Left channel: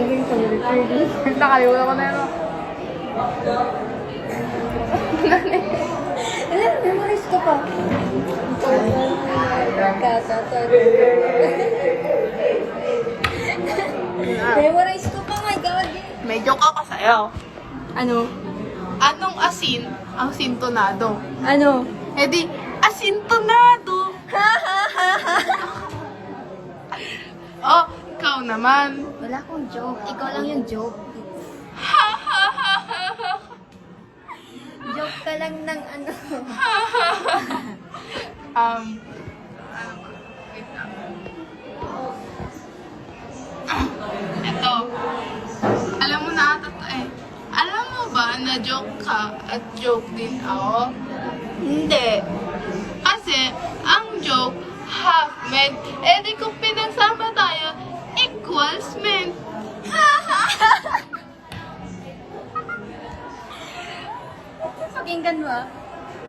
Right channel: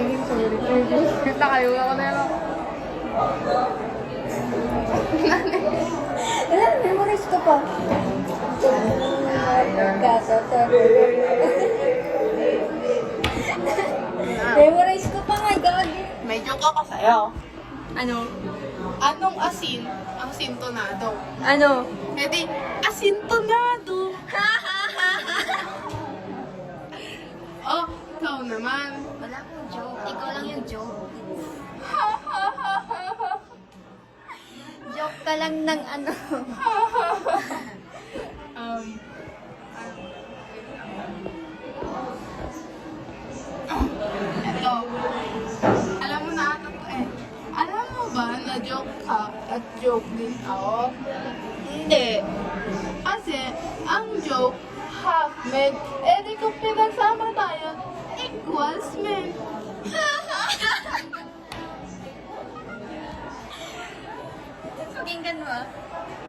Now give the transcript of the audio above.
Training, sorry, training. Nakalimutan ko na yun. Memorize ko pa. Memorize ko pa nga, gagi. May joke ako sa'yo. Ano? Anong asin ang sintonado? Ano? Eh di, asintonado! Oh, ikaw naman. Wala akong joke. Ikaw lang yung joke. Joke ka lang ng ano. Um, ito. Alam mo na ata to eh. Alam mo ba na joke ka at joke din ako? Hindi. Kasi, ang joke, half meant, eh di kung pinagsama tayo, equals meant. Pakinggan mo ah.